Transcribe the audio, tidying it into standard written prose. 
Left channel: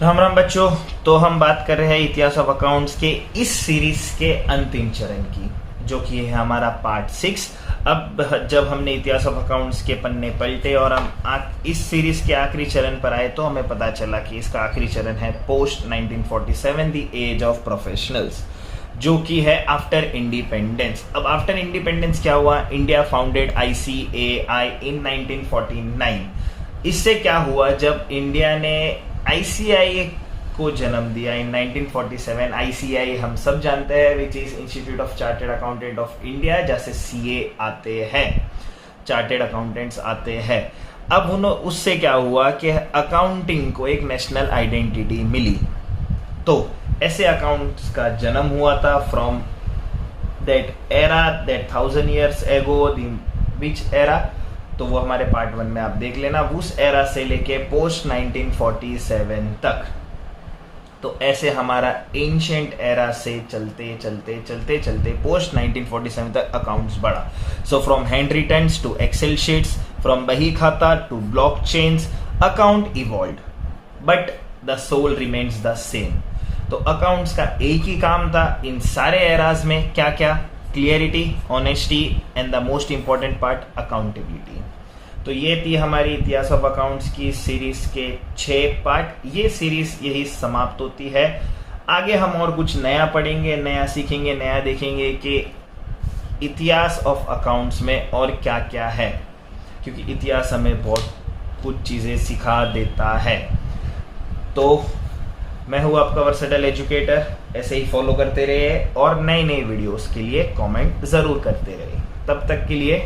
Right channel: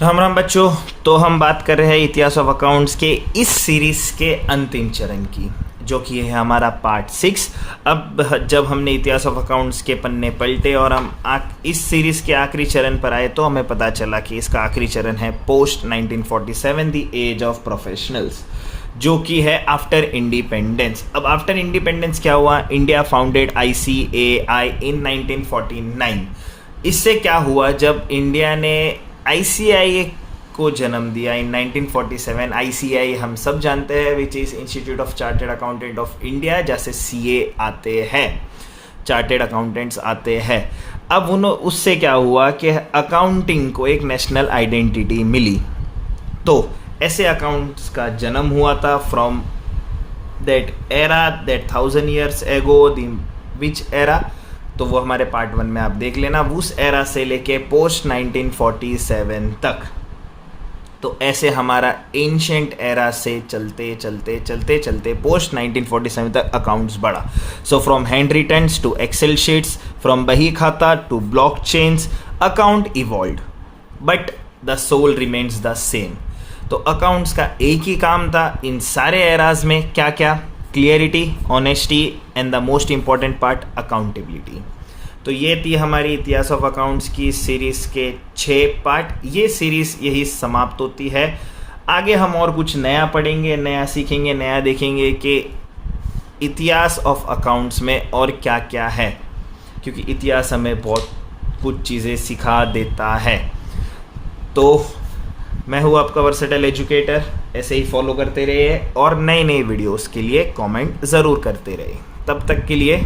राम राम बच्चों। तो हम बात कर रहे हैं इतिहास ऑफ अकाउंट्स के इस सीरीज के अंतिम चरण की, जो कि है हमारा पार्ट 6। अब जब हमने इतिहास ऑफ अकाउंट्स के पन्ने पलटे और हम इस सीरीज के आखिरी चरण पर आए तो हमें पता चला कि इसका आखिरी चरण है post 1947 the age of professionals, जो कि है आफ्टर इंडिपेंडेंस। अब आफ्टर इंडिपेंडेंस क्या हुआ? India founded ICAI in 1949। इससे क्या हुआ? जब इंडिया ने ICAI को जन्म दिया इन 1947। ICAI हम सब जानते हैं, which is institute of chartered accountant of India, जैसे CA आते हैं, चार्टर्ड अकाउंटेंट्स आते हैं। अब उससे क्या हुआ कि अकाउंटिंग को एक नेशनल आइडेंटिटी मिली। तो ऐसे अकाउंट्स का जन्म हुआ था from that era, that 1000 years ago, which era, तो वो हमारे पार्ट 1 में आप देख लेना। उस एरा से लेके पोस्ट 1947 तक, तो ऐसे हमारा एंशिएंट एरा से चलते चलते पोस्ट 1947 तक अकाउंट्स बढ़ा। So from hand returns to excel sheets, from बही खाता to blockchains, account evolved but the soul remains the same. तो अकाउंट्स का एक ही काम था इन सारे एराज में, क्या क्या? Clarity, honesty and the most important part accountability. तो ये थी हमारी इतिहास ऑफ अकाउंट्स की सीरीज के 6 पार्ट। ये सीरीज यही समाप्त होती है। आगे हम और कुछ नया पढ़ेंगे, नया सीखेंगे, नया देखेंगे कि इतिहास ऑफ अकाउंट्स में और क्या क्या है, क्योंकि इतिहास हमें बहुत कुछ चीज़ें सिखा देता है। तो मैं हूँ आपका वर्सेटाइल एजुकेटर। ऐसे ही फॉलो करते रहिए और नए नए वीडियोस के लिए कमेंट ज़रूर करते रहिए। तब तक के लिए